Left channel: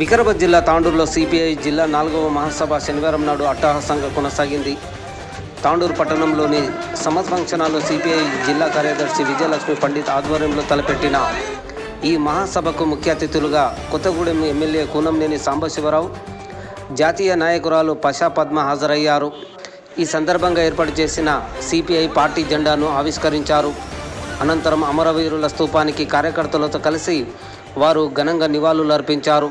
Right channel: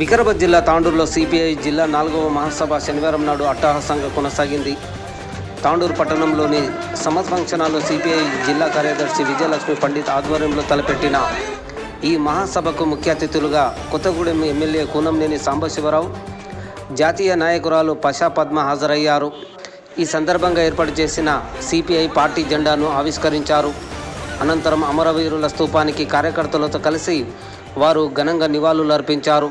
వికారాబాద్ జిల్లా తాండూరులో సిపిఐ జిల్లా 4వ మహాసభ శనివారం నాడు అట్టహాసంగా కొనసాగింది. తాండూరు పట్టణంలోని సమత్ ఫంక్షన్ హాల్లో సిపిఐ జిల్లా కార్యదర్శి విజయలక్ష్మి పండిత్ ఆధ్వర్యంలో తలపెట్టిన ఈ మహాసభకు ముఖ్య అతిథులుగా కొత్తగూడెం ఎమ్మెల్యే కూనంనేని సాంబశివరావు, జాతీయ నాయకురాలు పషా పద్మ హాజరయ్యారు. ఈ సందర్భంగా ఏర్పాటు చేసిన సిపిఐ పార్టీ జెండాను ఆవిష్కరించారు. అనంతరం అమరవీరుల స్తూపానికి కార్యకర్తలతో కలిసి వారు ఘనంగా నివాళులు అర్పించారు.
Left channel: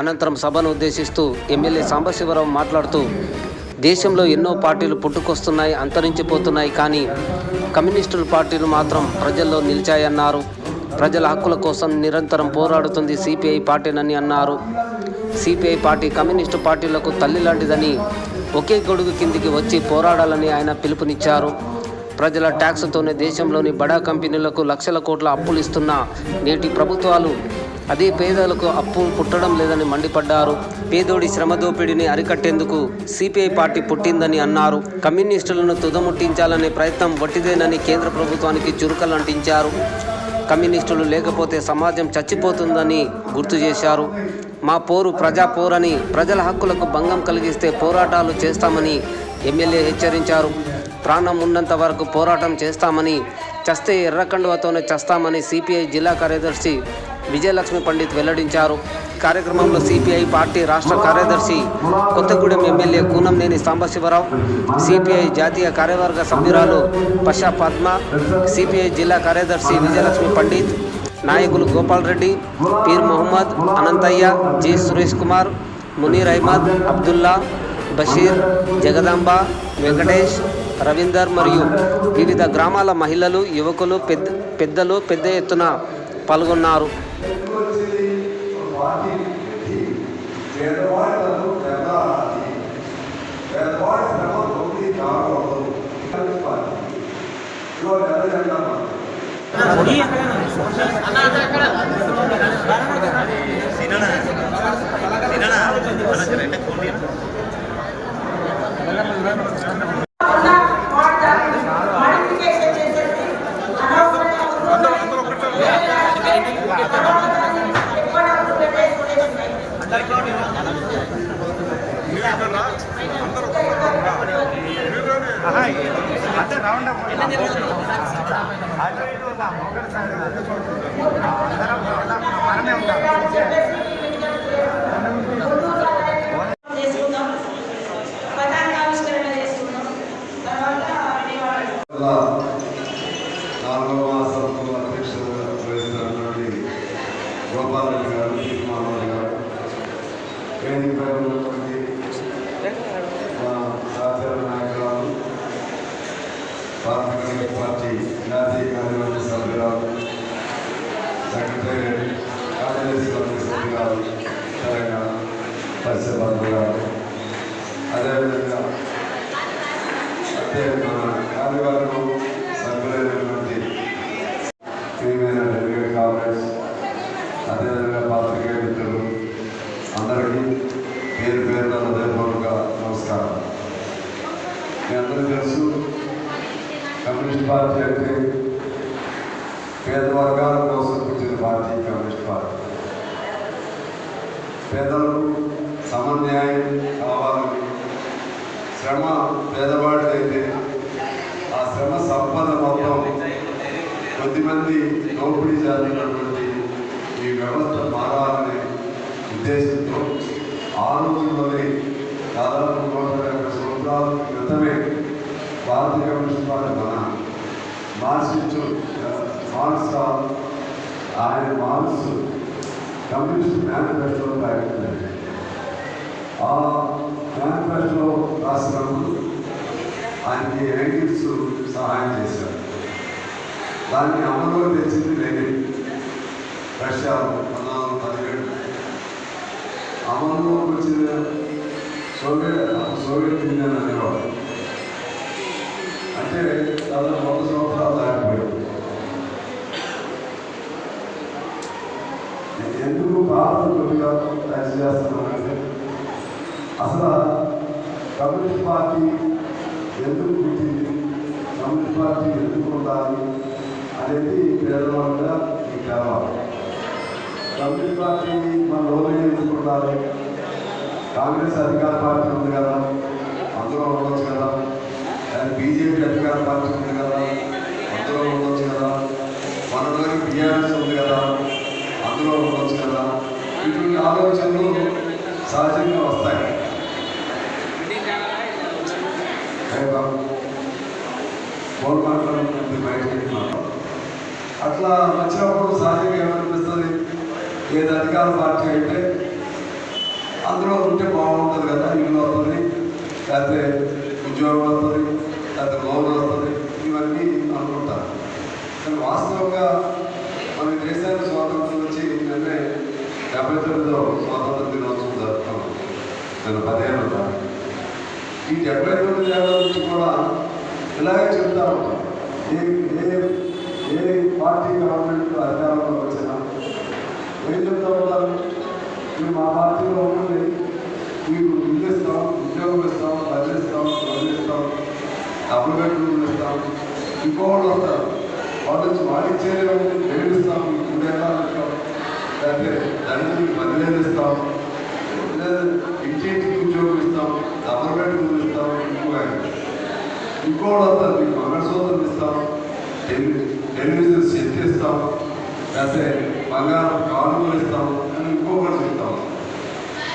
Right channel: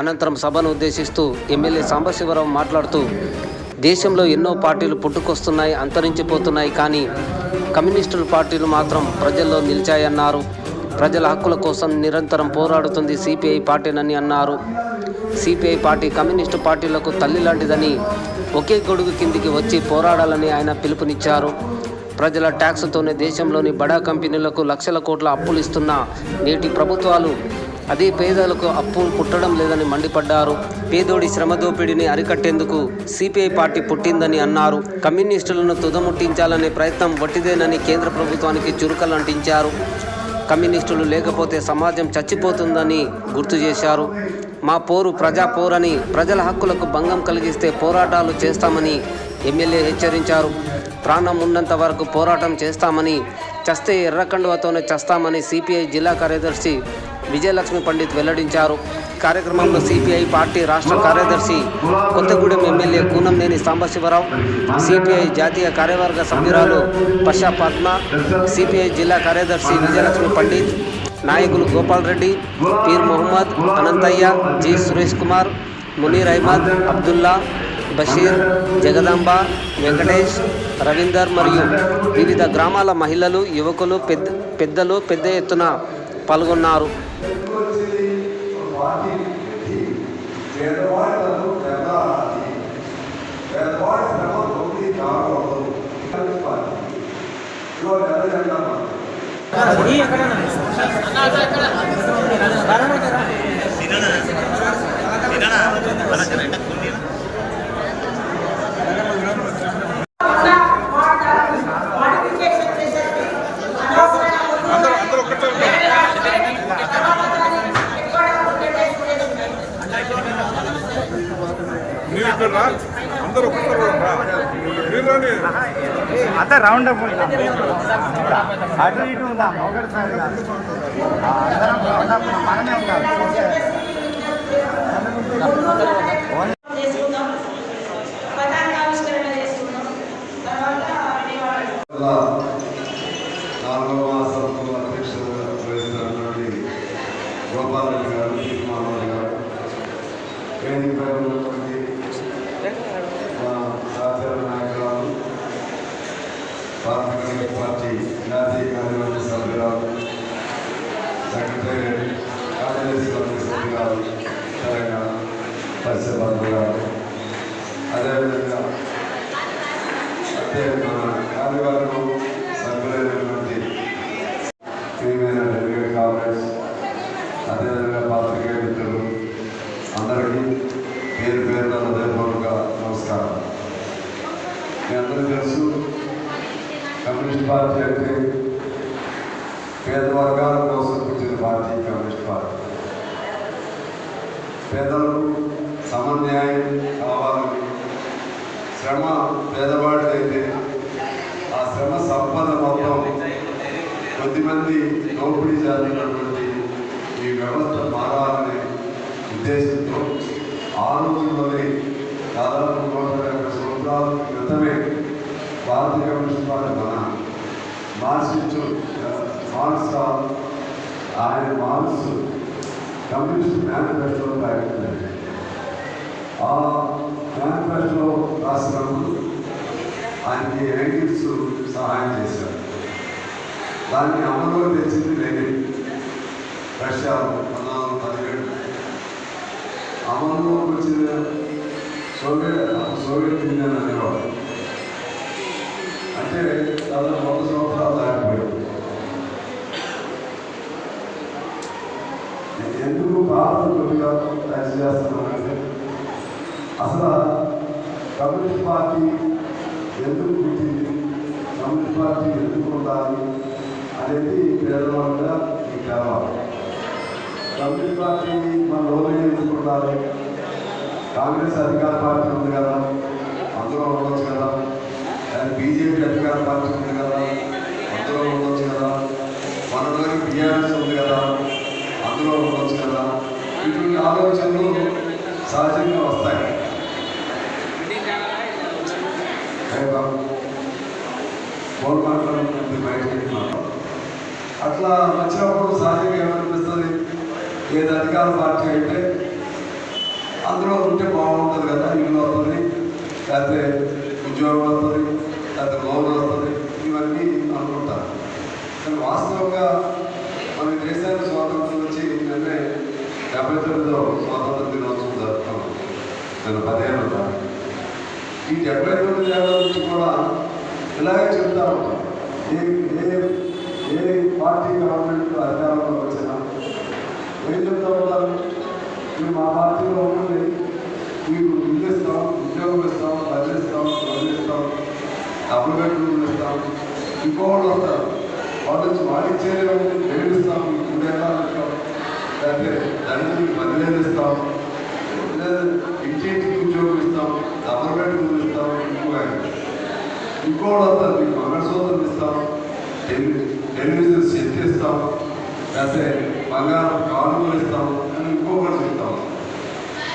అనంతరం సభను ఉద్దేశిస్తూ ఎమ్మెల్యే సాంబశివరావు మాట్లాడుతూ, దేశంలో ఎన్నో పార్టీలు పుట్టుకొస్తున్నాయి, అంతరించిపోతున్నాయి, కానీ కమ్యూనిస్టుల పార్టీలు మాత్రం ప్రజల్లో నిలిచాయన్నారు. ప్రజల హక్కుల కోసం నిరంతరం పోరాడుతుంది సిపిఐ పార్టీనని అన్నారు. సిపిఐ పార్టీ కమ్యూనిస్టు పార్టీలకు తల్లి లాంటిదని, ఒకే గొడుగు కిందికి వచ్చి పోరాడాలని ఆయన పిలుపునిచ్చారు. ప్రజల ట్యాక్స్తోనే దేశంలోని బడా కంపెనీలకు లక్షల కోట్ల అప్పులు ఇస్తున్న నేటి ప్రభుత్వాలు అదే పేదలకు అప్పు పుట్టడం లేదని మండిపడ్డారు. పేదోడి శ్రమ దోపిడీని అరికట్టేందుకు సిపిఐ పార్టీ పుట్టిందని అన్నారు. కమ్యూనిస్టులను తుదముట్టించాలనే ప్రయత్నం వట్టిదేనని కేంద్ర ప్రభుత్వానికి చురుకలంటించారు. కమ్యూనిస్టులు లేకపోతే సమాజం చచ్చిపోతుందని గుర్తు చేశారు. మా పోరు ప్రజా పోరని, ప్రజల హక్కులకు భంగం కలిగిస్తే పోరాటాలు చేస్తామని ఎమ్మెల్యే హెచ్చరించారు. ప్రాణం ఉన్నంత వరకు పోరాటం చేస్తామని, చస్తే ఎర్రకండువతోనే చస్తామని సిపిఐ జిల్లా కార్యదర్శి విజయలక్ష్మి పండిత్ వెల్లడించారు. కార్యక్రమంలో సిపిఐ పార్టీ రాష్ట్ర కార్యదర్శి కొత్తగూడెం ఎమ్మెల్యే కూనంనేని సాంబశివరావు, సిపిఐ జాతీయ కార్యవర్గ సభ్యురాలు పషా పద్మ, సిపిఐ జిల్లా కార్యదర్శి విజయలక్ష్మి పండిత్, నాయకులు గోపాల్ రెడ్డి, పీర్ మొహమ్మద్, అనంతయ్య, జి సురేష్ కుమార్, మునీర్ అహ్మద్, అబ్దుల్లా, బషీర్, జగదాంబ, వెంకటేష్, రవీందర్ మరియు వివిధ గ్రామాల మహిళలు, యువకులు, పెద్దలు పెద్ద ఎత్తున పాల్గొన్నారు. आता राउंड अप అటు ఇటు ఉందా గోపాల్ రెడ్డి గారు, పీర్మారావు గారు, వేదికపై ఉన్నటువంటి జాతీయ నాయకురాలు, పార్టీ జాతీయ కార్యవర్గ సభ్యురాలు, సెక్రటరీ కార్యదర్శి వర్గ సభ్యురాలు తెలంగాణ పశ్చిమ గారు, అదేవిధంగా కార్యవర్గం సభ్యులైనటువంటి ప్రియమైన డెలిగేట్ కాంగ్రెస్, అదేవిధంగా పాత్రికేయ మిత్రులు అందరికీ పేరు పేరున హృదయపూర్వక నమస్కారం. మీ అందరూ తెలుసు, కమ్యూనిస్ట్ పార్టీ అంటే పేద వర్గాల కోసం పుట్టిన పార్టీ కమ్యూనిస్ట్ పార్టీ. పేదలకు సమన్యాయం కావాలని, శ్రమ పేదవాడిదైతే ఆ శ్రమ సంపద మొత్తం కొద్దిమంది దోపిడీ జరిగినటువంటి ఈ వ్యవస్థ మారాలనే ఉద్దేశంతో ఆ రోజుల్లోనే దాదాపు 150 సంవత్సరాల క్రితమే భారతీయ communist party Marx communist manifesto ప్రకటించారు. ఆ మేనిఫెస్టో రాసినప్పుడు ఆయనకి ఎంగిల్స్ సహాయం చేశారు. దాన్ని అమలులో తెచ్చింది లెనిన్. రష్యా 1917 అమలులోకి వచ్చిన సోవియట్ యూనియన్ అనేవాడు. అంటే దాదాపు 100 సంవత్సరాలు దాటిపోయాడు. ఎందుకు భారత కొద్దిగా తయారు చేస్తున్నానంటే, అసలు కమ్యూనిస్ట్ పార్టీ ఎందుకు పుట్టింది, కమ్యూనిస్ట్ పార్టీ ఎందుకు ఉండాలి అనేది పేదవాళ్ళుగా మీకు తెలవాలి. కమ్యూనిస్ట్ పార్టీ మన లోనే ఎందుకుంటారు? కాంగ్రెస్ అధికార పార్టీ ఉంది కదా, అందులో ఉండొచ్చు కదా. అది బీజేపీ అధికార పార్టీ ఉంది కదా, అందులో ఉండొచ్చు కదా. మనలోని టీఆర్ఎస్ ఉంది కదా, అందులో ఉండొచ్చు కదా. ఇటువంటి ఆలోచనలు సహజంగా వస్తాయి. అట్లా వచ్చినప్పుడు సహజంగా ఏమనిపిస్తుంది, ఏది అధికార పార్టీ అయితే అందులో ఉంటే బాగుంటుంది కదా, ఇల్లు వస్తుంది, లేకపోతే ఉద్యోగం వస్తుంది, లేకపోతే లోన్ వస్తుంది, ఇవన్నీ అనుకుంటారు. కానీ వాస్తవంగా మన దేశానికి స్వాతంత్రం వచ్చి నిన్నే 79లో స్వాతంత్ర దినోత్సవం జరుపుకున్నాం. నేను 10 ఏళ్ళ ఈ 79 ఏళ్ళ నుంచి కూడా ఇలాగే చెప్తా ఉంటాం. ఏ పార్టీ గవర్నమెంట్ అధికారంలోకి వచ్చినా ఏం చెప్తా ఉంటారు, మేము మా పార్టీలో ఉండి మీకు ఇల్లు ఇస్తాం, ఉద్యోగం ఇస్తాం, బడ్జెట్ ఇస్తాం, ఇస్తాం, డబ్బులు పెట్టుకుని ఇస్తాం. ఇంకోళ్ళు వస్తారు, వాళ్ళు వచ్చి వాడిచ్చేదే ఏడు ఇస్తాం, మీకు 3 ఏళ్ళ ఇస్తాం, లేకపోతే దానికి 10,000 ఇస్తాం, లేదా ఇంటింటికి ఉద్యోగం ఇస్తాం, డబ్బులు పెట్టుకుని ఇస్తాం. ఇంకోళ్ళు వస్తారు, మీకు మంగళసూత్రం ఇస్తాం, టెలివిజన్ సెట్ ఇస్తాం, లేకపోతే బంగారం కానుకలు ఇస్తాం అని ఇంకొకటి చెప్తాం.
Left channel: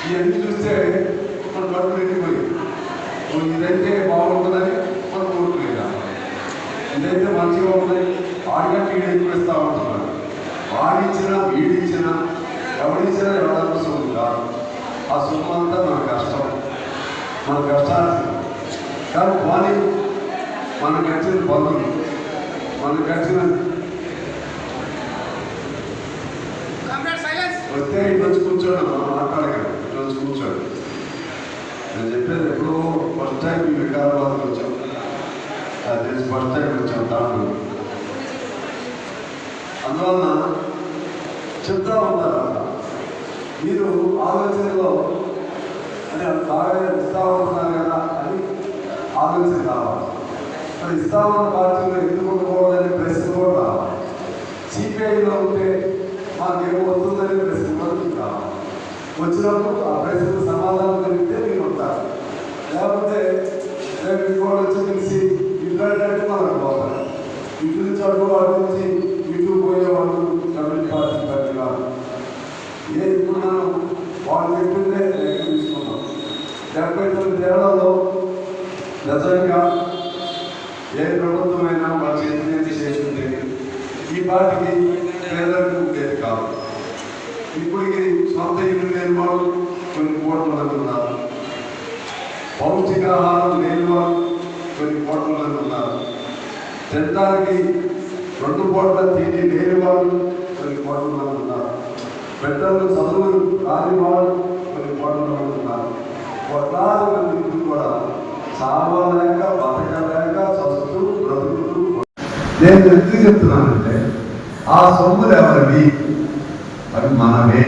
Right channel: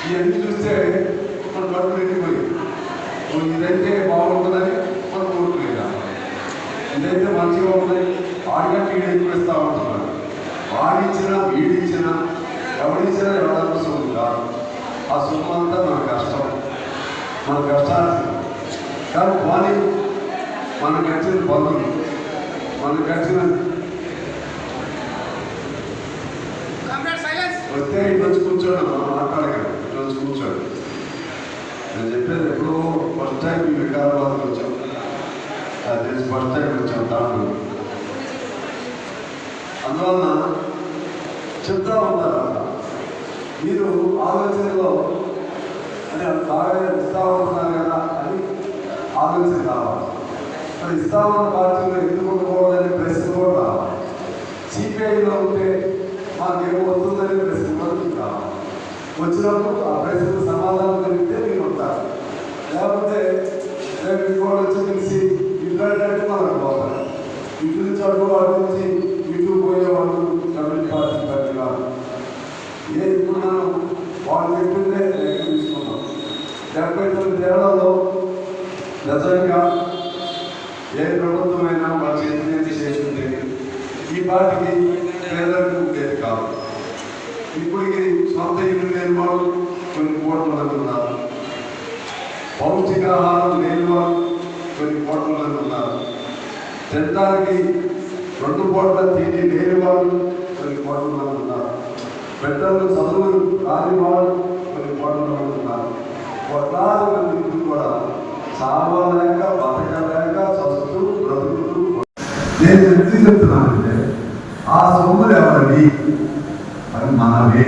ఇవన్నీ చూస్తే మన కడుపు నిండిపోయి ఇదైతే బాగుంటుందని మనం కోరుకునేదా, ఇదైతే మంచిగా ఉంటుంది, వాడికంటే వీడు ఎక్కువ ఇస్తా ఉంటున్నాడు. వాడిచ్చినా వీడిచ్చినా ఎవడిచ్చినా ఎవరి సొమ్ము కాదు. ఆ సొమ్ము అంతా మన కష్టం, మన కష్టాలు. కానీ పోనీ మనకు వచ్చిన బంధువులు, మనకు వచ్చిన వస్తే ఇటు కూర్చోండి, మనం మాట్లాడగలం. ఈరోజు కూర్చోండి. నేను చెప్పేది ఎప్పుడో ఫస్ట్ టైం ఈ వికారాబాద్కి వచ్చాం, అది ఫస్ట్ టైం వచ్చాం తాను. అందువలన చెప్తా ఉంటారు మీరు ఆలోచనలో అంటే బాగా ఇస్తా ఉంటున్నారు కదా అని ఆలోచన కావాలి. మరి ఇస్తామన్న పార్టీలో ఎందుకు ఉండకూడదని ప్రశ్న కూడా రావాలి. సిపిఐలో ఉంటే మాకేమో వస్తుందని ప్రశ్న కూడా కావాలి. వచ్చినప్పుడు ఆ ప్రశ్నకు సమాధానం కలిగితే మీరు ఉంటారు. లేకపోతే రేపు ఇంకోటి వచ్చి తెలిసి ఇద్దరంటే మనకు పోతారు. ఇటు నుంచి అటు వాటి నుంచి ఇటు పోయేవాళ్ళు కమ్యూనిస్ట్ పార్టీ పని కాదు. ఇప్పుడు మనం వాళ్ళు చెప్పిందే తీసుకున్నాం. 79 ఏళ్లలో నిజంగా ఏ ప్రభుత్వమైనా వాళ్ళ చేతి చేసింది ఈ పార్టీకి పేదలకు ఉండేది కాదు. ఇప్పటికి సొంత ఇల్లు లేని వాళ్ళు కొన్ని కోట్ల మంది ఉన్నారు, పౌష్టికాహారం లేని వాళ్ళు కొన్ని కోట్ల మంది ఉన్నారు, తినడానికి 2 పూట్ల తిండి లేని వాళ్ళు కొన్ని కోట్ల మంది ఉన్నారు, పెద్దలు చదువులు రాని వాళ్ళు కొన్ని కోట్ల మంది ఉన్నారు. కోట్లాది మంది కూడా చావలేక బతకలేక చస్తూ బ్రతుకుతూ. నేను ఎందుకు చెప్తున్నానంటే ఆ సొమ్ములు ఎవరివి? అది మనమే.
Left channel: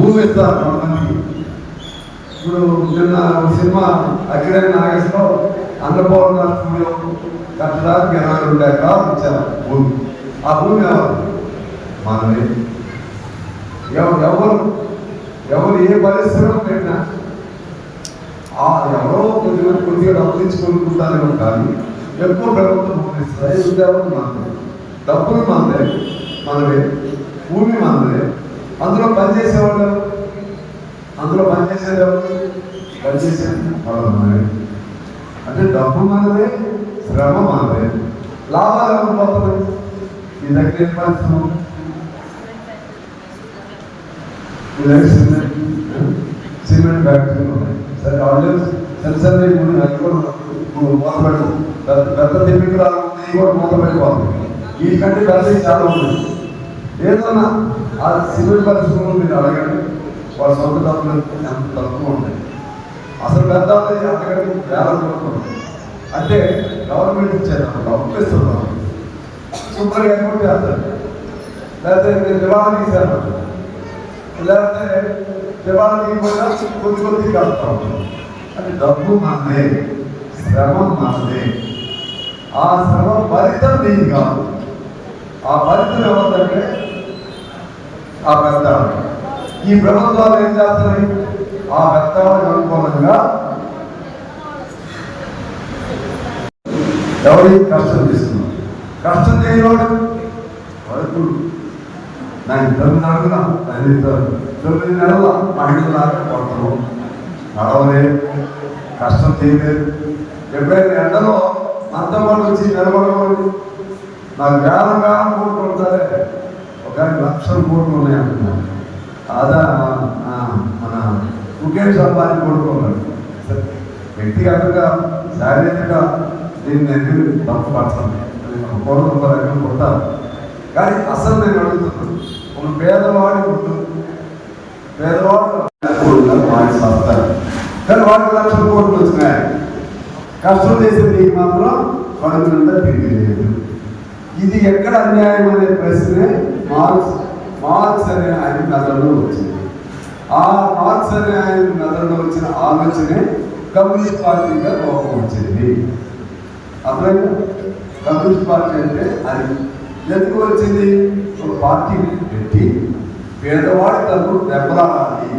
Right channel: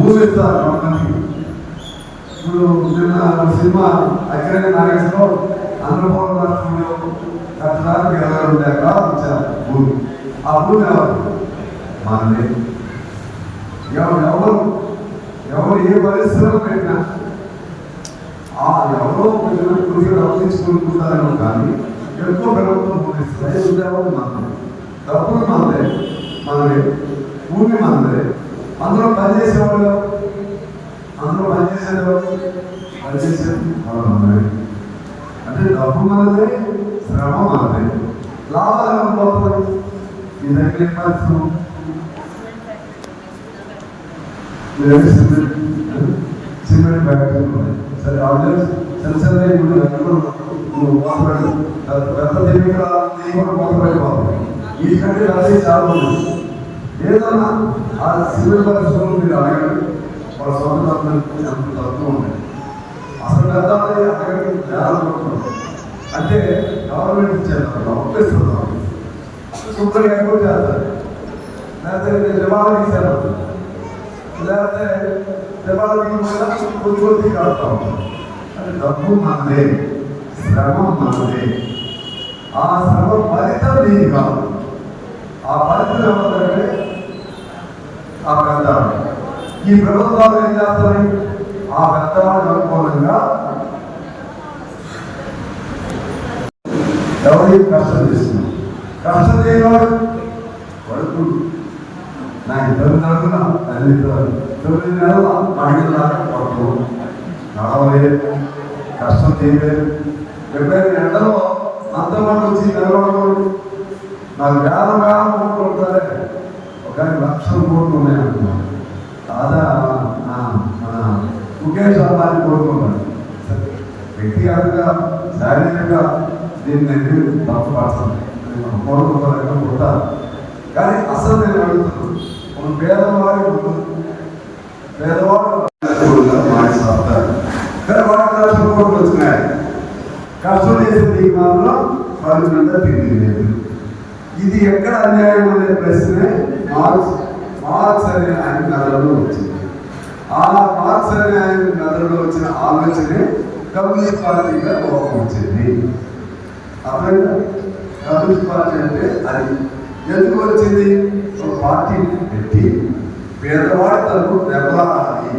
ఊహిస్తారు కొంతమందికి. ఇప్పుడు నిన్న సినిమా అగ్రహ నాగేశ్వరరావు అన్నపూర్ణలో కట్టడానికి 22 ఎకరాలు ఇచ్చారు భూమి. ఆ భూమి ఎవరు? మనమే. ఎవరు ఏ పరిశ్రమ పెట్టినా ఎవరో కొద్దిగా డబ్బు తీసుకుంటారేమో కానీ ఎక్కువ ప్రభుత్వం డబ్బులు మనదే, భూమి మనదే. అందులో పనిచేసేవాళ్ళు, పనిచేసేది మనదే. అంటే డబ్బు మనదే, శ్రమ మనదే, లాభాలు అనుకోవడం. ఈ దగ్గర సిమెంట్ ఫ్యాక్టరీ సరే వాళ్ళు సెన్సర్ మాట్లాడు గత తెలివి కూడా మొదలైపోతుంది. వీటికంటే కలిసి చాలా ఉంది. ఏదన్నా ఆ సివిల్ పరిస్థితుల్లో మీరు అడగండి, వాళ్ళ సొంత తప్పులు ఉంటాయి. అసలు పెద్ద అక్కడికి వేల అంటే గవర్నమెంట్ ఇచ్చేస్తారు, ఒప్పిస్తున్నాం. సూపర్ ఎక్కువ చేస్తారు, లేకపోతే మీరు దివాళకి ఇచ్చారు, లేకపోతే దివాళకి కూడా కొద్ది కలుపుతా ఉంటారు. అది డబ్బు మనదే, శ్రమ మనదే. ఆ శ్రమ ఫలితం దీని కాదు. ఆ ఫలితం ఏమంటే ఆ పెద్దాడు. ఈ ప్రభుత్వాలు ఏం చేస్తాయి? ఆ పెద్దాడు అనుకూలంగా ఎవరికి కష్టం చేస్తున్నాం? కష్టం చేయవాడు వరకు నేను 9 నెలల ప్రభుత్వం నడవలేదు, కష్టం చేయలేదు. ఎప్పుడైనా ఎండలో అంతమంది వచ్చి నిలబడవాడు నాకు వేలం కొట్టుకుంటారే, ఒక 1,00,000 కోట్లు ఉన్నాయనుకున్నాను. అదా ముఖేష్ అంబానీ కోరుకున్నాడు. వ్యక్తిగతంగా శారీరకంగా నేను తప్పు పడతాను, నేను కోరుకుంటాను. కానీ అసలు నేను అడుగుతున్నాను, ఒక పేదవాడు సాగుతారు కానీ వాడికి 1,00,000 కోట్లు వచ్చినాయి. కష్టం చేసేది మాత్రం పరుగునంతా తిరిగి. ఇది ఎక్కడ అన్యాయం అనే ప్రశ్నే మార్క్స్ అనే ఆయన కథలో వచ్చింది. ఆ మార్క్స్ అనే ఆయన కథలో వచ్చిన ఆలోచనే కమ్యూనిస్ట్ పార్టీగా కోపం వచ్చింది. అప్పుడు కమ్యూనిస్ట్ పార్టీ అంటే అది ఎందుకు వచ్చింది? ఒక పార్టీని పెట్టి పేదవాడి తరపు దెబ్బలాడాలి,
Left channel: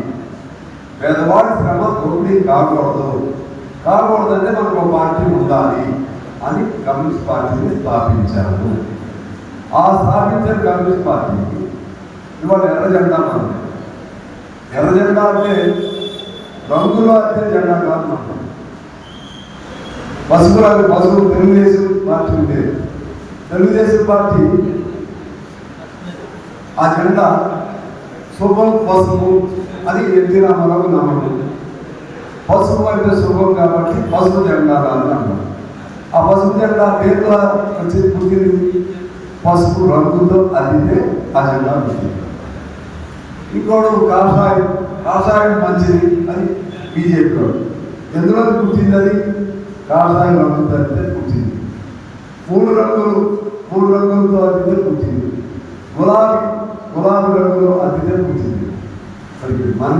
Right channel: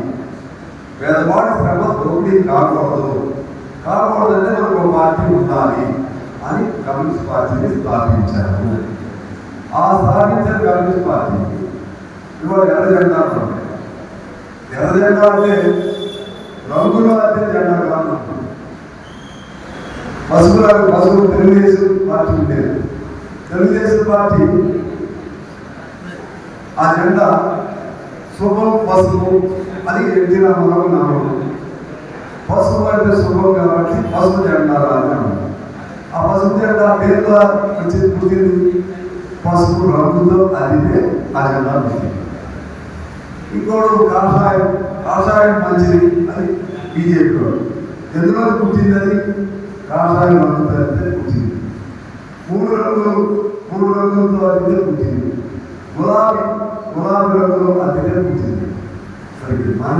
పేదవాడి శ్రమ దోపిడీ కాకూడదంటే మనకు ఒక పార్టీ ఉండాలి అని కమ్యూనిస్ట్ పార్టీని స్థాపించారు. ఆ స్థాపించిన కమ్యూనిస్ట్ పార్టీకి ఇవాళ ఎర్ర జెండా ఉంది. ఎర్ర జెండా అంటే రంగుల అద్దె జెండా కాదు. పసుపు తెలుగుదేశం పార్టీ ఉండేది. తెలుగుదేశం పార్టీ ఆ జెండా శుభం పసుపు అని ఎన్టీ రామారావు నమ్మకం. పసుపు అంటే శుభం కాబట్టి పసుపు జెండా అన్నారు. ఆ పసుపు జెండా పేర్ల వచ్చి పుట్టింది పసుపు రంగుతో అదితే ఆ జెండా పుట్టింది. ఇంకోడు కాషాయం మంచిది అని బీజేపీ వాడు. ఎందులో పుట్టింది? అది కాషాయం రంగుతో అయితే పుట్టింది. మూడు రంగులతో అదితే పుట్టింది. గులాబీ రంగులో అదితే పుట్టింది. మన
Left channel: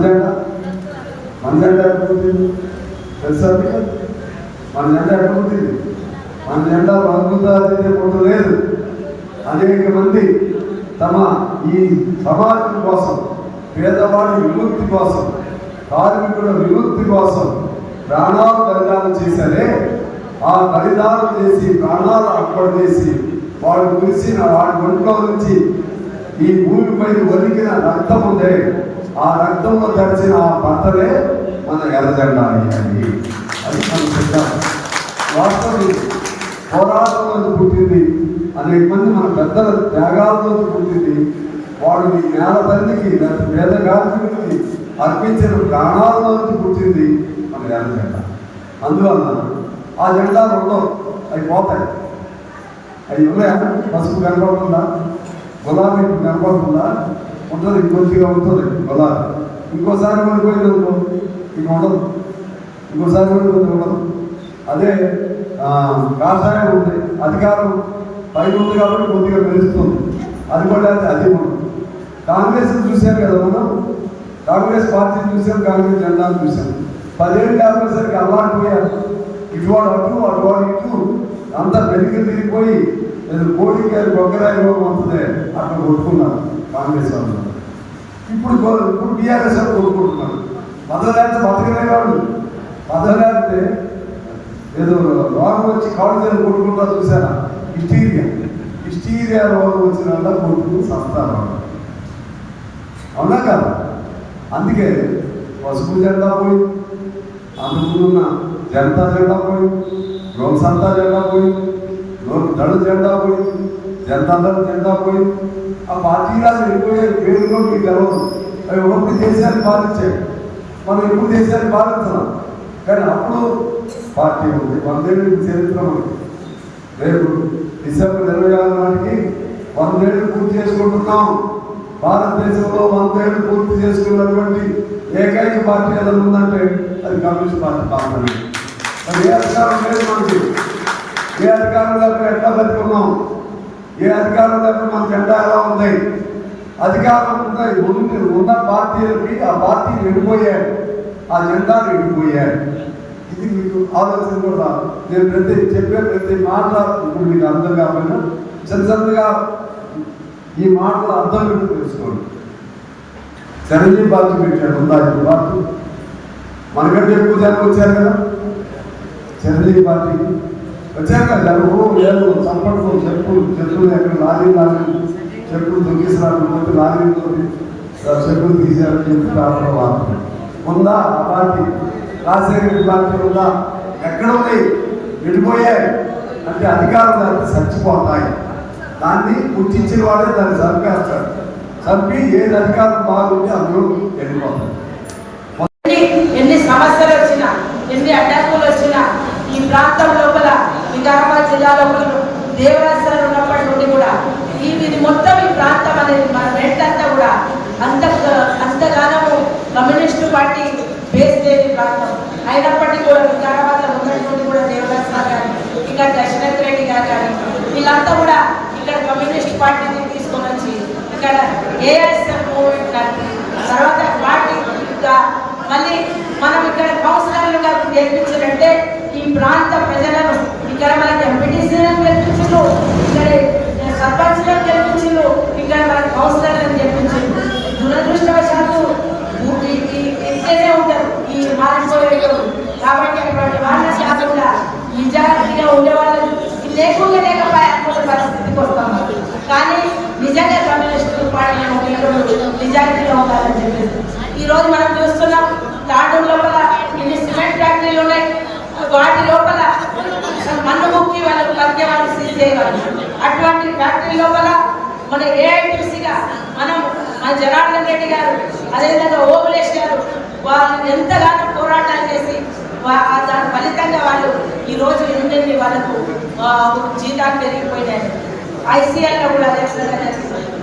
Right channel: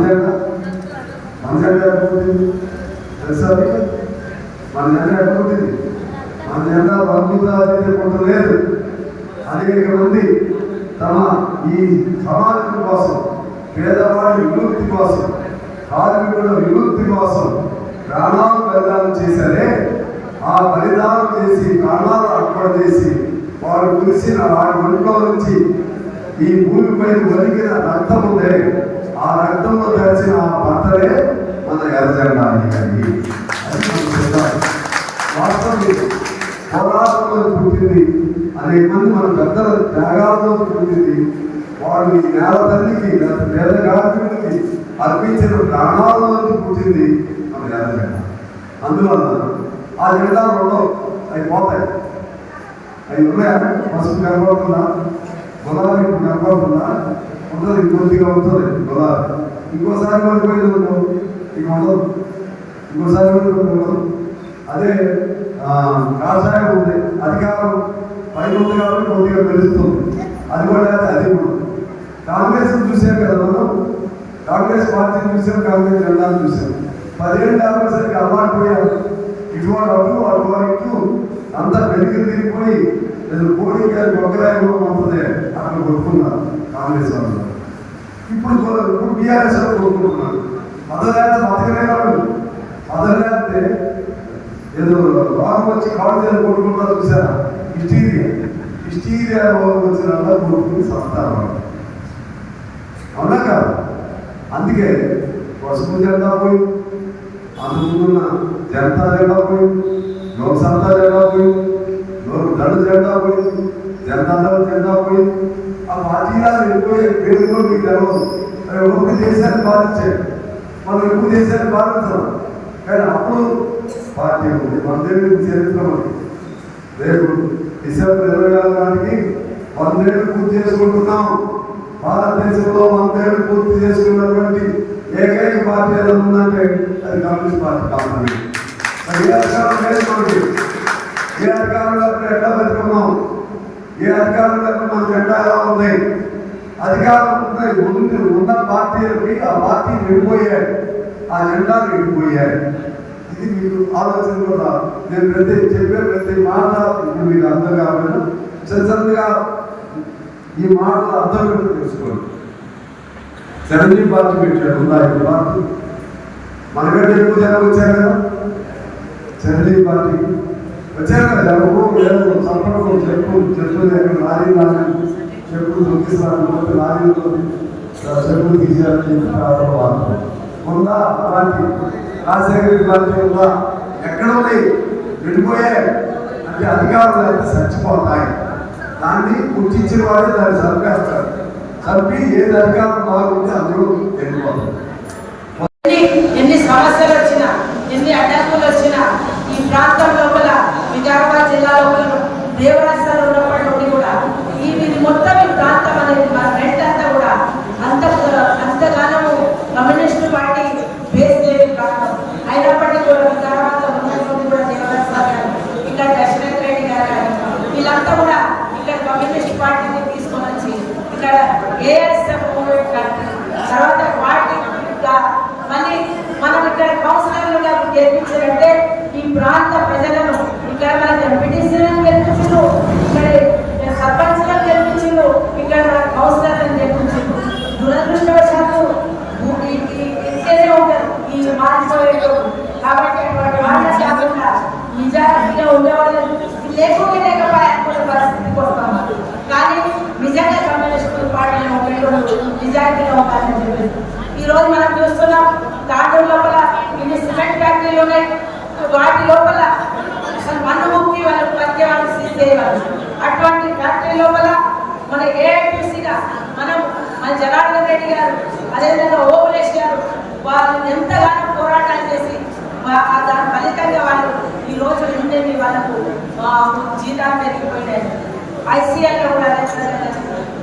జెండా పుట్టింది తెలుసా? మన జెండా ఎక్కడ పుట్టింది? మన జెండా రంగుతో అదితే పుట్టలేదు. అనేక మంది తమ ఈ సమాజం కోసం, పేదవాడి విముక్తి కోసం, కార్మికుల విముక్తి కోసం ప్రాణాలు బలిదానం చేశారే. ఆ బలిదానం చేసి ప్రాణాలు అర్పణ చేసి వాడు కురిసిన వాడి ఒంట్లో నుంచి ఈ భూమిపై ఒలికిన రక్తం ఉందే, ఆ రక్తంలో తెరిచిన ఆ బట్టలే మన ఎర్రజెండా అయ్యాయి. అది మన వాస్తవం. పోరాటంలో పుట్టింది, అనేక మంది మన పెద్దల త్యాగాలతో పుట్టింది. వాడు ఈ నేల తల్లికి పేద కార్మికుడికి అర్పించిన ప్రాణాలలోంచి పుట్టింది మన ఎర్రజెండా. అందువల్ల ఆ జెండా ఉండవు, అవి పోతాయి. అవి ఉన్నాయా? పసుపు కనబడుతుందా? గులాబీ కనబడుతుందా? ఉంటుంది, ఇంకొద్దిగా ఉంటుంది గులాబీ. ఇంకోసారి పడిపోయింది అనుకో ఇక ఉండదు, ఇంకోసారి ఉండదు. అదే కాషాయం ఉంది, అధికారం పైన ఉంది కాబట్టి కొద్దిగా పెరుగుతుంది. అది కూడా అది కాంగ్రెస్ చూసాం కదా మనం, కాంగ్రెస్ పార్టీని చూసాం, కాంగ్రెస్ జెండాను చూసాం. 10 ఏళ్ళు కాంగ్రెస్కి అలవాటు పోయారు. ఇటువాడు అటువాడు ఇటు అంతా వెనుకలు తిరిగిపోయి పోటీకి గొగ్గరాయిలో ఉంటుంది అక్కడ కొట్టుకున్నారు కాంగ్రెస్ వాళ్ళు. ఇప్పుడు టీఆర్ఎస్ వాళ్ళు కొట్టుకుంటున్నారు. పదలేక బతకలేవాడు. పదలేకపోతే ఏదో రోగం వచ్చి కాళ్ళు కొట్టుకుంటా చూసారా? హిస్టీరియా రోగం వచ్చిన వల్ల కొట్టుకుని సస్తారు వాళ్ళు. అవునా కాదు? అందుకే పసుపు జెండా పోయి, అందుకున్న జనతా జెండా పోయి, లోక్సత్తా జెండా పోయి, దళ జెండా పోయి, జనతా జెండా పోయి, ఆ పార్టీలా వెళ్ళిపోయే పేరులో మీకు తెలవదు. అవి ఒకటి దేశాన్ని పాలించాయి, మనం ఎప్పుడు దేశాన్ని పాలించాం. కానీ అప్పుడు పార్టీ ఉంది. 100 ఏళ్ళ చరిత్ర ఉంది. రేపు డిసెంబర్ 26 నాటికి 100 ఏళ్ళు పూర్తి చేసుకుంటున్నాం. భారతదేశంలో 100 ఏళ్ళు పూర్తి చేసుకున్నటువంటి ఏకైక పార్టీ ఎలా ఉందంటే అది కమ్యూనిస్ట్ పార్టీ మాత్రమే. ఏ అధికారం లేదు మనకి. ఏ అధికారంలో ఎట్లా బతుకున్నాం? ఏ అధికారంలో మన జెండా ఎలా ఉంది? అధికారం ఉన్న పార్టీలకి ఆ పార్టీకి విడిపోయాయి, ఆ జెండాలు విడిపోయాయి. ఇది మీకు ఆలోచన కూడా. నేను ప్రతి మాట ఇప్పుడు మీకు అర్థం కావాలి. చిన్నగా ఈ మాటలు అర్థం పెట్టి తెలుసుకోండి. చిరంజీవి పార్టీ పెట్టాడు. ఉందా పార్టీ? మనకంటే ఎక్కువ జనం వచ్చారు కదా చిరంజీవి పార్టీ వచ్చారు కదా. జనము లేదు చంపడం చెప్పులు ఎక్కడ లారీ చెప్పులు తొక్కిస్తున్నాడు లారీతో చెప్పులు తీసేయాలని చెప్పి ఉందా ఆ పార్టీ? రాజశేఖర రెడ్డి పార్టీ ఉందా? ఎక్కడ ఉంది? వెళ్ళిపోయాయి అంటే అధికారులు చచ్చిపోతాయి. దాన్ని గుర్తించిన వాడే దాన్ని చంపేస్తాడు. చంపి ఏది అధికారం బాగుంటే అందులో వెళ్ళిపోతాడు. ఎన్ని సమస్యలు వచ్చినా ఎన్ని అడ్డంకులు వచ్చినా ఈ ప్రాంతం లోపల వికారాబాద్ జిల్లా లోపల దేవరాజాలు ఉన్నప్పటి నుండి కూడా ఇది మొత్తం ఈ ప్రాంతం అనేది మన రైతంతా కూడా అంతగానము కమ్యూనిస్టు పార్టీ బేస్ లేని ప్రాంతం అయినప్పటికీ కూడా వికారాబాద్ లో ఉన్నటువంటి కూడా దేవరాజాలు కానీ ఇక్కడ దశరథ్ రెడ్డి గారు కానీ వీళ్ళంతా కూడా ఇక్కడ కమ్యూనిస్ట్ పార్టీని తీసుకొని వచ్చి ఇక్కడ ఏఐఎస్ఎఫ్ మూవ్మెంట్ కానీ తర్వాత పార్టీ మళ్ళీ మనం ఇక్కడ కౌన్సిలర్లుగా గెలిపించారంటే ఈ ప్రాంత ప్రజలను ఇక్కడ మన ఎంపీటీసీలను గెలిపించారు, ఇక్కడ సర్పంచ్లను గెలిపించారు, ఇక్కడ మన కౌన్సిలర్లను గెలిపించారు. దురదృష్టవశాత్తు ఇట్లనే ఉంటారు ఈ మానసిక. కాబట్టి అటువంటి వాళ్ళ శాతంగా నిజాయితీగా ఉండే వాళ్ళు లేకుండా లేకపోయే పరిస్థితికి వస్తాం. కానీ నిజంగా కమ్యూనిస్టు పార్టీలో నిజాయితీగా ఉండాలని చెప్పేసి ఈ రోజు మనం చూస్తున్నాం. తాండూరు లోపల ఇన్ని సిమెంట్ ఫ్యాక్టరీలు ఉన్నాయి. వాటి లోపల మన్ను ముక్కి వాళ్ళకు పత్తి వాళ్ళు తీసేవారు. అటువంటి ఫ్యాక్టరీ లోపల మన ఏఐటీసీగా మన జనార్దన్ రెడ్డి గారు అదేవిధంగా ఓబులేష్ గారు వాళ్ళు ఎంతగానో పోరాటాలు చేసి దాని ఫలితంగా వాళ్ళు ఈ రోజు ఎన్ని వాళ్ళకు జీతాలు పెరిగిపోయినాయి. ఐసీఐలో కూడా అదే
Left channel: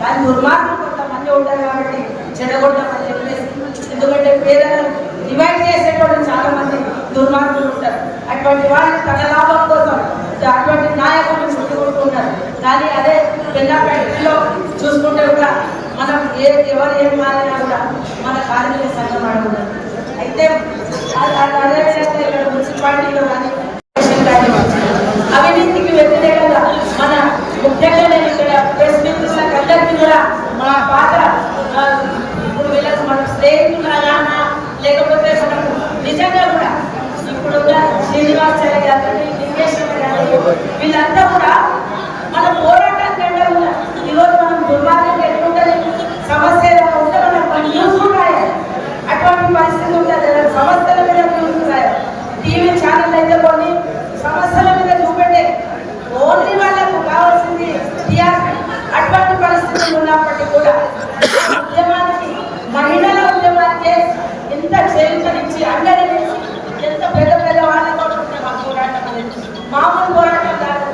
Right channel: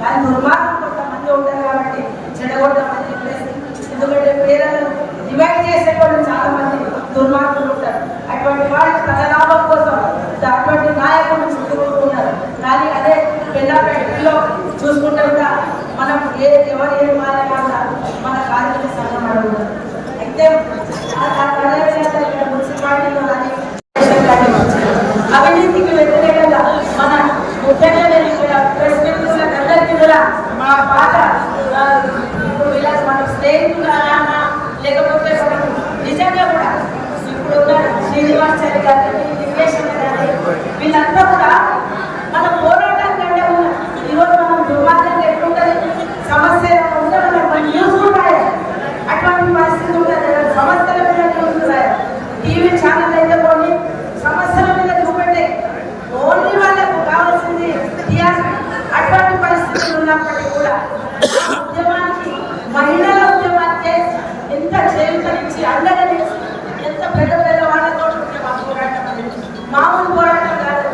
దాని దుర్మార్గం కొంతమంది ఉంటారు కాబట్టి చెడగొట్టమని చెప్పేసి, ఎందుకంటే పేదలను డివైడ్ చేసేటప్పుడు చాలా మంది దుర్మార్గులు ఉంటారు. అటువంటి వాళ్ళు తన లాభం కోసం అటువంటి నాయకులను చుట్టుకుంటున్నారు. కానీ అదే పెళ్ళాపేటలో చూసుకుంటే కూడా మనం ఎవరు ఏం మారినా కూడా మన కార్మిక సంఘం అడుగుతారు. అయితే అదేవిధంగా ఇక్కడ మున్సిపాలిటీలో కానీ అవినీతికి వ్యతిరేకంగా మన ముఖ్యంగా నేను ఇక్కడ ప్రెస్ మిత్రులకు అందరికీ కూడా మన పాత ఇప్పుడు వీళ్ళకి మనం స్నేహితులుగా లేకపోతే మనం నిజంగా కూడా ఇప్పుడున్న శ్రీనివాసాచారి గారిని లింగేశ్వర గారిని వీళ్ళంతా కూడా మన పోరాటం కంటే ఉన్న ఈరోజు మనం దుర్మార్గంగా ఎట్లుంటుంది సమస్య ఉంటే మనం న్యూస్ కూడా అటువంటి పరిస్థితి ఉంటుంది. సమస్యల మీద న్యూస్ టీవీ ఛానల్ అయితే కొన్ని సమస్యల మీద చూపెట్టే ఓన్లీ వాళ్ళకు కావాల్సింది టీఆర్పీ. అటువంటి పరిస్థితులు ఉన్నప్పటికీ కూడా ఉద్యమానికి మహిళల ఉద్యమానికి ఎంత చేరుకనిచ్చి అండనిచ్చి ఎంత పెద్ద పెద్ద వాళ్ళతో ఉంటే మా పోరాటం మామూలు పోరాటం కాదు.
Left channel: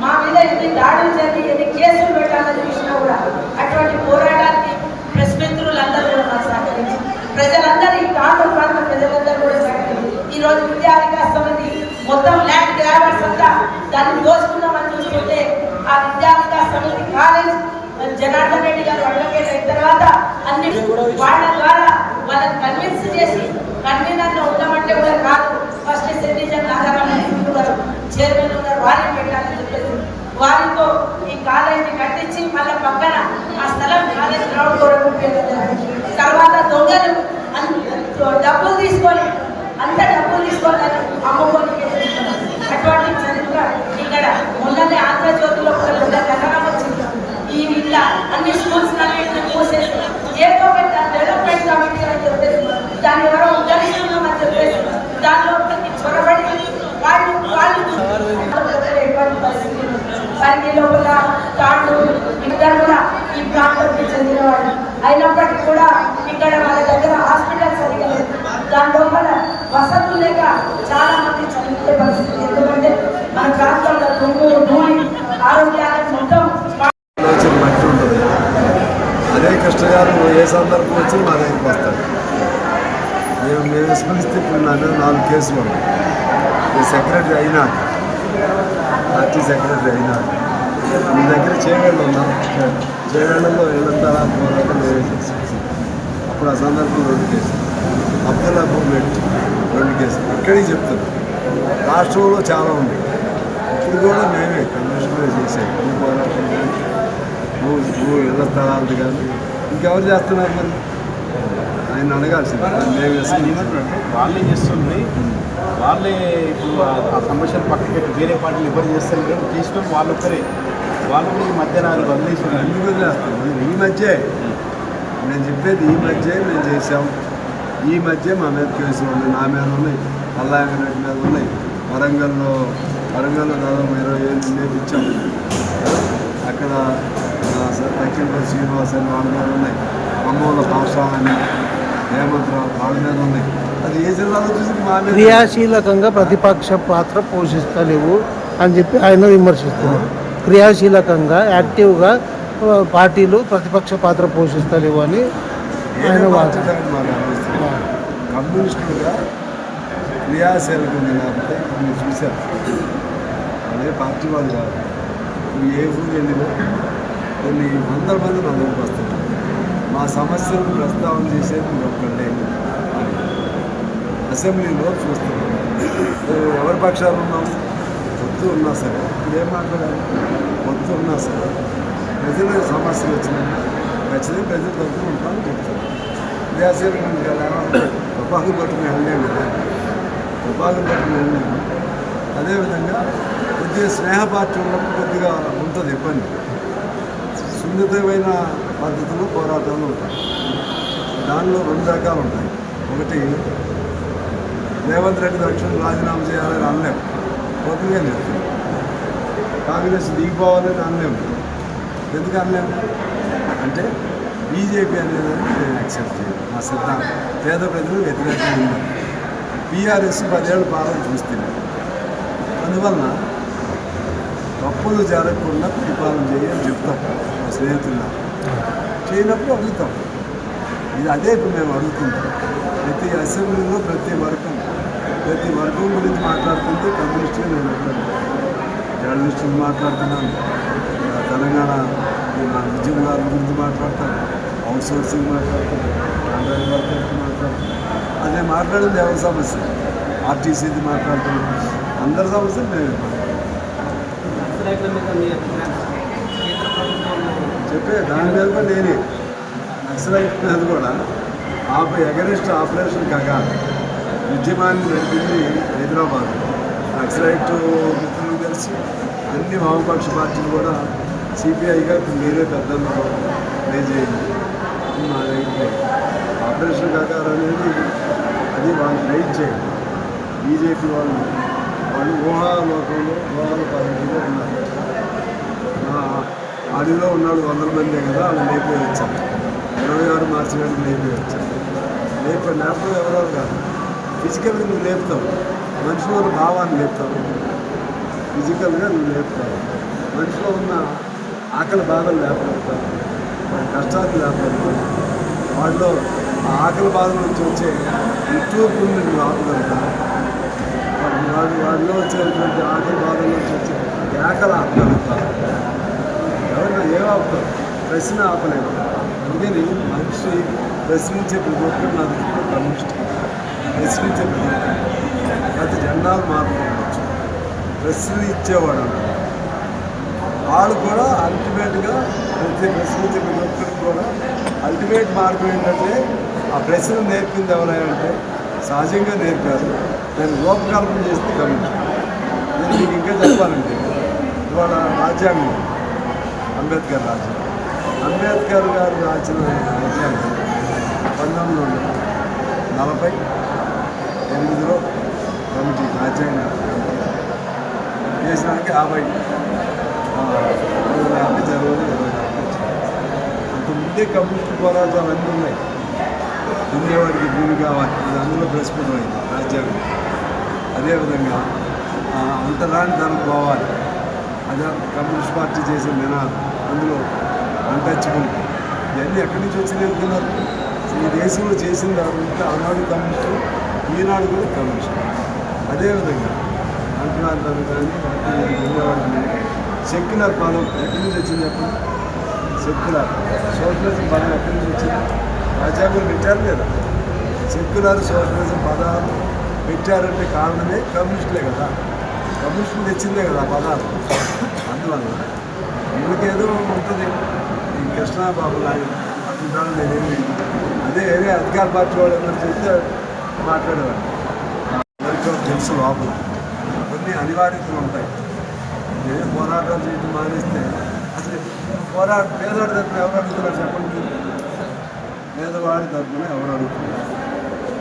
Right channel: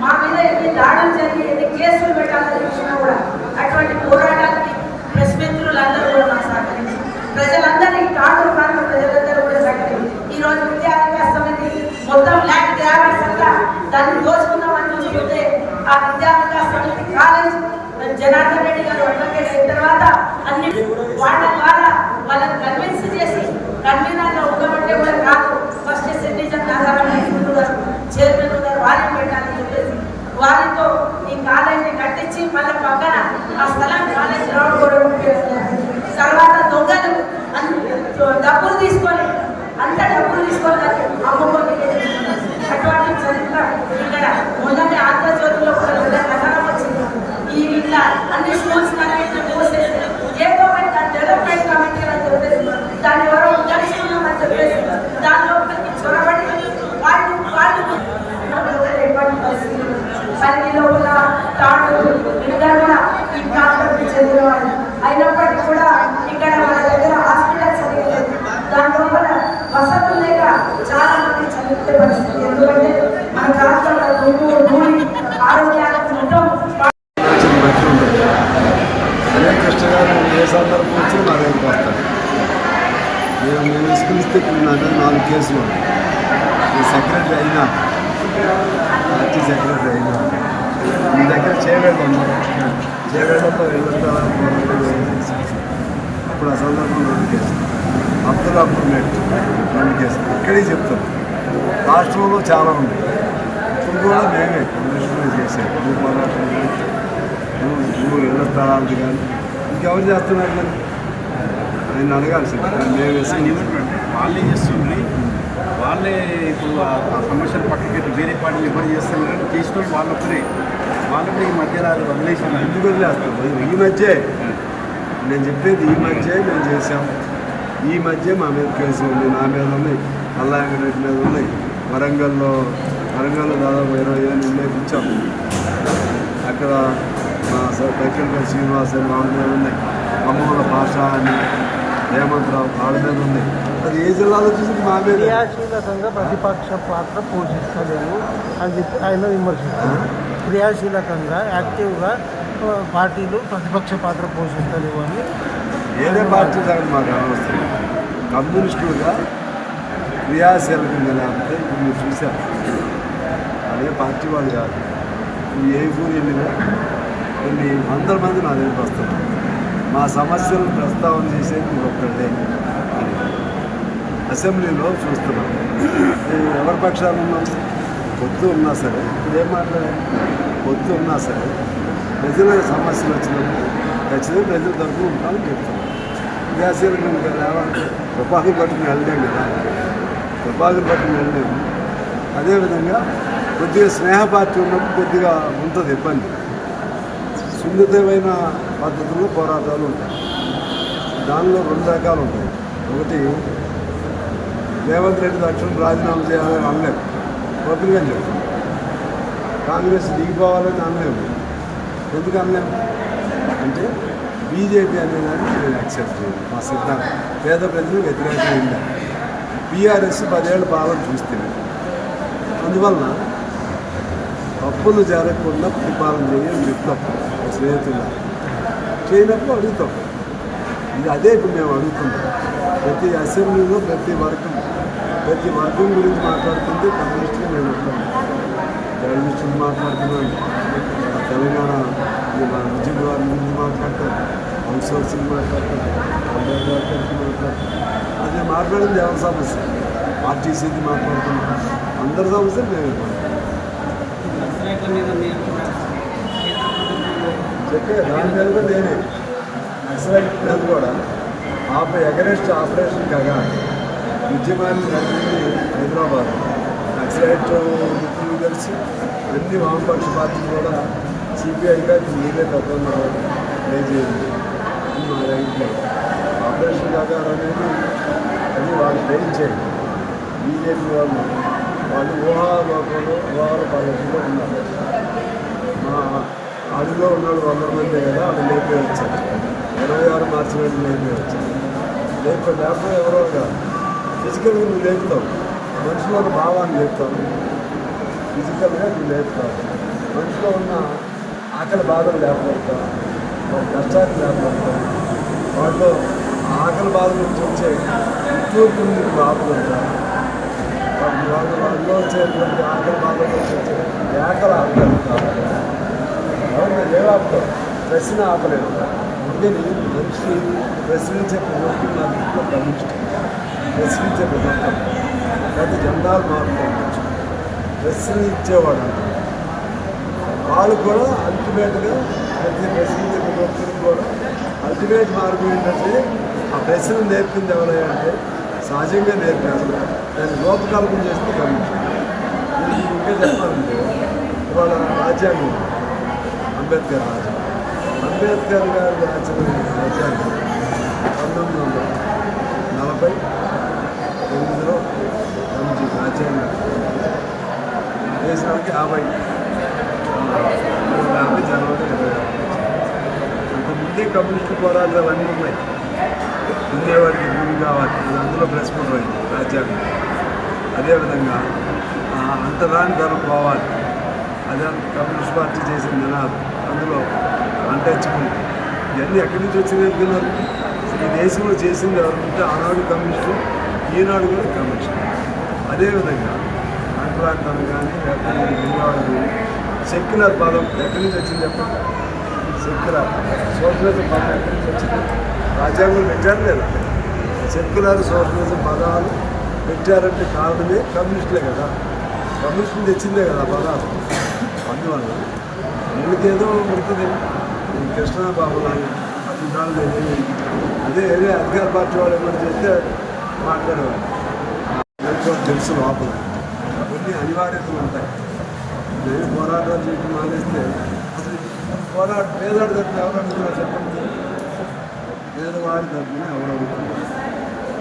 మా మీద ఎన్ని దాడులు జరిగి ఎన్ని కేసులు పెట్టాలని చూసినా కూడా అటువంటి పోరాటానికి ప్రెస్ మిత్రులందరూ కూడా సహకరించి ప్రజలందరినీ తాండూరు ప్రాంత ప్రజలందరూ కూడా సహకరించి ఈ రోజు విద్యా వికాస సమితి మొత్తం ల్యాండ్ గ్రాఫిక్స్ అంతా దాన్ని దోచుకుందామని చూస్తుంటే ఆ విద్యా వికాస సమితి కాలేజ్ జనార్దన్ రెడ్డి గారు అడ్వకేట్ అయిన తర్వాత అన్ని వాళ్ళ ద్వారా వాళ్ళని కన్విన్స్ చేసి కన్వీనర్గా ఉండమంటే కూడా కాదు, ఫస్ట్ సిటిజన్ నాగారావు గారు చైర్మన్ ఉన్నారు, వారిని పెట్టాలని చెప్పేసి వారితో ఈ కాలేజీని కట్టించి మళ్ళీ పక్కన ఆ స్థలం కాలేజ్ గ్రౌండ్ కూడా ఉపయోగించారు. తర్వాత దొంగలు డబ్బులు తీసుకొని అటువంటి చరిత్ర ఇక్కడ మొన్ననే ఆంధ్రజ్యోతిలో కథనం వచ్చింది. ఈ ఇట్లా అన్ని స్కూల్స్ మూసేసి ఏదో పెద్ద డెవలప్మెంట్ కమిటీ అని చెప్పేసి దాన్ని ఎవరో ఉద్ధరిస్తున్నామని చెప్పేసి దానిలోకి చొరబడి వాళ్ళు ఎటువంటి పరిస్థితులు అన్ని లోపల తాండూరు ఇక్కడ కూడా ఈ ప్రాంతానికి చెందిన వాళ్ళు అయినప్పటికీ కూడా ఇక్కడ వాళ్ళ దగ్గర హాస్పిటల్ సరిగ్గా లేదు. దాని లోపల వసతులు లేక చాలా మంది చనిపోయే పరిస్థితి. ఎందుకంటే మన ప్రాంతంలో భూమి ఆరోగ్యాలకు మొత్తం అదే కష్టగారు ఏ సందర్భం వచ్చి మా దగ్గరికి వస్తాడు. మేము ఎస్పీలిస్తే నా దగ్గర 4 కేసులు ఉన్నాయి. నేను సెక్రటరీ అయినా, పార్టీ సెక్రటరీ అయినా. మీ దగ్గర చేవేళ్ళు ఉన్నా, చేవేళ్లలో ఏళ్ళంతా పోరాటం అప్పుడు ఆ సందర్భం 2 కేసులు, అబ్దుల్లాపూర్ మేట్ 2 కేసులు. ఇక్కడికి చెప్తాను రాష్ట్రంలో చాలా ఉన్నాయి. ఇప్పుడు కూడా మేమే కమిషనర్ చేసాం. భూ పోరాటం కానీ, భూ ఇళ్ల స్థలాలు కానీ ఇంకెవరు చేస్తున్నారు మరి? ఆయన అడగాల్సింది మేము వేసుకుని వాళ్ళే చేస్తుంది, వాళ్ళే ఇప్పుడు ఆ సమస్యలు పక్కన పెట్టి వేరే పార్టీలు ఎవరు చేస్తారు చేసిన వాళ్ళు ఒక్కరే, వాళ్ళని ఈ మధ్య వదిలేసి ఎందుకు వదిలేస్తాం? ఈ మధ్య నేను చెప్పేది ఈ మధ్య మేము చేసాం. ఈ మధ్య మా మీద కేసులు ఉన్నాయి, నా మీద ఉన్నాయి, మల్లాయంగ రెడ్డి మీద ఉన్నాయి. వరంగల్లో దాదాపు 20 ఏళ్ళు ఉండేది ఇచ్చాం. అక్కడ మా పైకంపల్లి శ్రీనివాస్ అని వాళ్ళ మీద ఉన్నాయి. ఖమ్మంలో భాష అని హేమంతరావు వాళ్ళ మీద ఉన్నాయి. అది ఏ జిల్లాలో చూసి మా మీద క్రియాశీలకంగా ప్రతిపక్ష పాత్ర పోషిస్తలేవు అని చెప్పి ఆయన విమర్శిస్తారు. క్రియాశీలకంగా యాక్టివ్గా పార్టీలు ప్రతిపక్ష పాత్ర పోషిస్తలేవు అని ఏదే పార్టీ కాదు మాకు అనవసరం. కమ్యూనిస్టులుగా క్రియాశీలకంగా లేకపోతే ఇప్పుడు మీరు చూశారు అదే పార్టీ వాళ్ళు కాదు. నువ్వు ఏ ఊరు వెళ్ళినా కొన్ని వందల మంది నా దగ్గరికి వస్తున్నారు. మా సమస్యలను ప్రస్తావన చేసేది మీరు ఒక్కళ్ళే అని అసెంబ్లీలో చూస్తున్నాం. ఎవరి పక్షాలు ఉన్నాం? పొత్తు ఉన్నా సరే, ఇప్పుడు ఏం మాట్లాడాలి? పొత్తు ఉన్నా సరే ప్రజల సమస్యలు వచ్చినప్పుడు ఖచ్చితంగా ప్రజల తరఫున ఉంటామని చెప్తాం. క్రియాశీలకంగా లేవంటే తుపాకులు పట్టుకుని వెళ్ళలేము కదా, తుపాకులు పట్టుకుని వెళ్ళలేము. అదేవిధంగా కొద్దిగా స్నేహ పార్టీ ఉన్నప్పుడు కొద్దిగా ఉంటుంది ఇబ్బంది. సున్నితమైన పద్ధతులు పోరాటాలు ఉంటాయి. దానిలో 2 రకాలు ఉంటాయి. ఒకటి రేవంత్ రెడ్డి తక్షణం రాజీనామా చేయాలని అనలేము, ఓపెన్గా చెప్తాం. కాంగ్రెస్ దిగిపోవాలని అనలేము. ఎందుకు అనలేము అంటే బీజేపీ అనేదాన్ని నేను యాక్సెప్ట్ చేయను. మా సిద్ధాంతం పేద ప్రజలు వ్యతిరేకమైంది. బీఆర్ఎస్ 10 ఏళ్ళు పాలన చూస్తుంది. అందువలన తప్పులు జరగకుండా పరిపాలన చేయని చెప్తాం స్నేహితుల్లో. చేయనప్పుడు అడుగుతాం. ఇది అదే ఇప్పుడు మేము అడుగుతుంటాం. ప్రతి అసెంబ్లీలో ప్రతి వర్గం గురించి మాట్లాడుతుంది కమ్యూనిస్టుగా నేను ఉంటాను. జర్నలిస్టులు మాట్లాడుతున్నాను, తెలంగాణ ఉద్యమకారుల గురించి మాట్లాడతాను, అవుట్ సోర్సింగ్ మాట్లాడతాను, కాంట్రాక్ట్ వర్కర్స్ మాట్లాడతాను. అదే మాట్లాడింది ఎవరి సమస్య? ఆర్టీసీది మాట్లాడుతున్నాను. అందరి సమస్యలు మేమే మాట్లాడతాం. చెప్పే దాని మీద కూడా నేనే నక్సలైట్ మీద కూడా ఎగరెస్ట్ ఆపరేషన్ కాగా ఉద్యమాన్ని నడిపింది హైదరాబాద్. నక్సలైట్ మిత్రులు కలిసి అన్ని వామపక్ష పార్టీలు కూడా సిపిఐగా ఇప్పుడు మీరే పెద్దలు ట్రై చేయండి మా దగ్గరికి. ఆపరేషన్ కాగా అనేది అది వాళ్ళు ట్రై చేయండి. బీజేపీ వాళ్ళు ఊహాలోకంలో ఊహాల పద్ధతిలో ఉన్నారు. మా అడవిలో ఉన్నాడు 100 మందే కదా, వాళ్ళు లేపే వచ్చారు. 26 మార్చి నాడు లేపే వచ్చారు. లేపడం ఎవరో కాదు, ఫిజికల్గా నువ్వు లేపుతావు. మనిషిలో ఉన్న భావాన్ని లేపుతావు, ఫిజికల్గా నువ్వు లేపుతావు. మనిషిలో ఉన్న ఆకలి బాధలు లేపగలుగుతావు, వాడి కష్టాన్ని లేపగలుగుతావు. వాటిలో ఆ ఆకలి బాధల నుంచి వచ్చే ఇట్టూర్పుని నువ్వు ఆపగలుగుతావు. వాడిలో వచ్చేటువంటి ఆకలి బాధల నుంచి వచ్చే ఏకలు ఆపగలుగుతావు. ఎవరిలో ఆపుతావు? ప్రశ్న ఆపలేదు. అందుకని మనిషి ప్రశ్నించే ప్రతి ఒక్కరు నా దృష్టిలో కమ్యూనిస్ట్. ప్రశ్నించే ప్రతి ఒక్కరు ప్రతి జెండాలు మారుకోవచ్చు, ప్రశ్న ఇచ్చేవాడు అంటారు. వాళ్ళు కూడా అల్టిమేట్గా ప్రశ్నించే ప్రతి ఒక్కరికి కూడా అల్టిమేట్ మార్పు ఏంటంటే ఆ ప్రశ్న నేర్పింది ఎవరైనా సహజంగా నేర్పారు, దాన్ని రూపకల్పన చేస్తే కమ్యూనిస్ట్. నేను మీకు ఇంకా చెప్పాలంటే ఇవాళ రాజ్యాంగం అంబేద్కర్ గారు రాసిన రాజ్యాంగం 1948లో కమిటీ రాజ్యాంగ చేసినానికి 50 జనవరి 26 అంతకుముందే కమ్యూనిస్టు పోరాటాలు అన్నీ ఉన్నాయి. దున్నేవాడికి భూమి కావాలి, అది అందులో ప్రస్ఫుటమైంది రాజ్యాంగం. అదేవిధంగా అంటరాని తరం పోవాలి, అదే కమ్యూనిస్ట్ పార్టీ చేసిన నినాదం. అందులో అన్టచబుల్ ఇవన్నీ ఎక్కడి నుంచి వచ్చింది అనుకున్నారు? ఈ దేశంలో చేసింది ఎవరంటే ఆనాడు కమ్యూనిస్టు, ఈనాడు కూడా కమ్యూనిస్టు. అదేవిధంగా అంటరానితనం కానీ లేకపోతే దున్నేవాడికి సెక్యులర్ పదం ఎక్కడి నుంచి వచ్చింది చెప్పండి? సెక్యులర్ సోషలిజం పదం ఎక్కడి నుంచి వచ్చింది? రాజ్యాంగం పెట్టారు లేదా? సెక్యులర్ సోషలిజం పదాలు పెట్టారంటే కారణమే కమ్యూనిస్టులే కదా, కమ్యూనిస్టులు తెచ్చిందే కదా ఆ పదాలు. అందువల్ల వీళ్ళకేదో ఉంటుంది. ఈ కృష్ణాబాబు లాగా అట్లా నేనేమి అదే వేరే అధికార పార్టీ వాళ్ళు ఏమని చెప్తే మాట్లాడేవాడిని. అందరికీ తెలుసు లోపల కొన్ని అనివార్యతలు ఉంటాయి. నేను పోరాటాలు చేయడం మానేస్తే అసలు పేదవాడి తరఫున ఎవరు అడుగుతున్నారు చెప్పండి? పేదవాడి తరఫున ఎవరు అడుగుతున్నారు?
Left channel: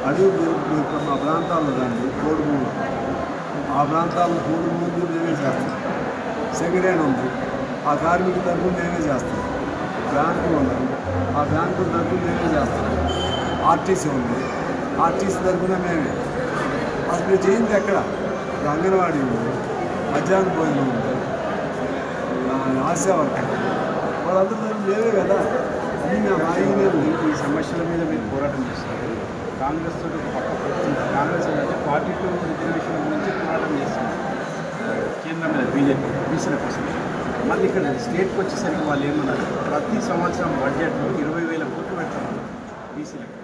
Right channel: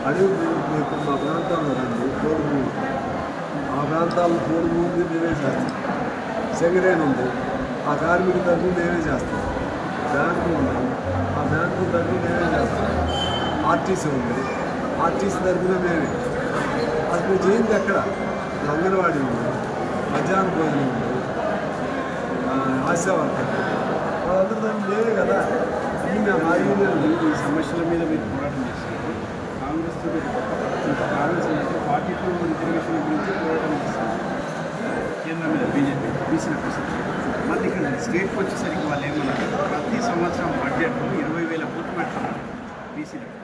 అడిగి మీరు మా ప్రాంతాల్లో రండి, కోడుమూలు ఆ ప్రాంతాల్లో కోడుమూలు ఉంది, మేమే చేస్తాం. సెంగరేన్ ఉంది, ఆ కార్మిక తరఫున మేమే చేస్తాం. బ్యాంకులు ఉన్నాయి, ఆ బ్యాంకుల తరఫున మేమే చేస్తాం. ఆర్టీసీ ఉంది, ఆర్టీసీ తరఫున మేమే. అసలు మీరు చేయింది ఎక్కడ? అంగన్వాడీ ఉంది, మధ్యాహ్న భోజనం ఉంది, ఆశా వర్కర్, వాళ్ళందరూ తరఫున మేమే కదా. అన్నీ మేము ఆ యూనియన్లు. ఈ సమస్యల మీద మీరు పోరాటం చేస్తారు. కాంగ్రెస్ కాంగ్రెస్ అయితే 44 రిజర్వేషన్ గురించి పోరాటం చేస్తున్నారు కేంద్రంలో బీజేపీ బీసీల కోసం. మళ్ళీ ఇక్కడ స్టేట్కి వచ్చేసరికి వాళ్ళు ఏమన్నారు, ప్రతి సంవత్సరం బడ్జెట్లో 20,000 కోట్లు పెడతారు బీసీలకు.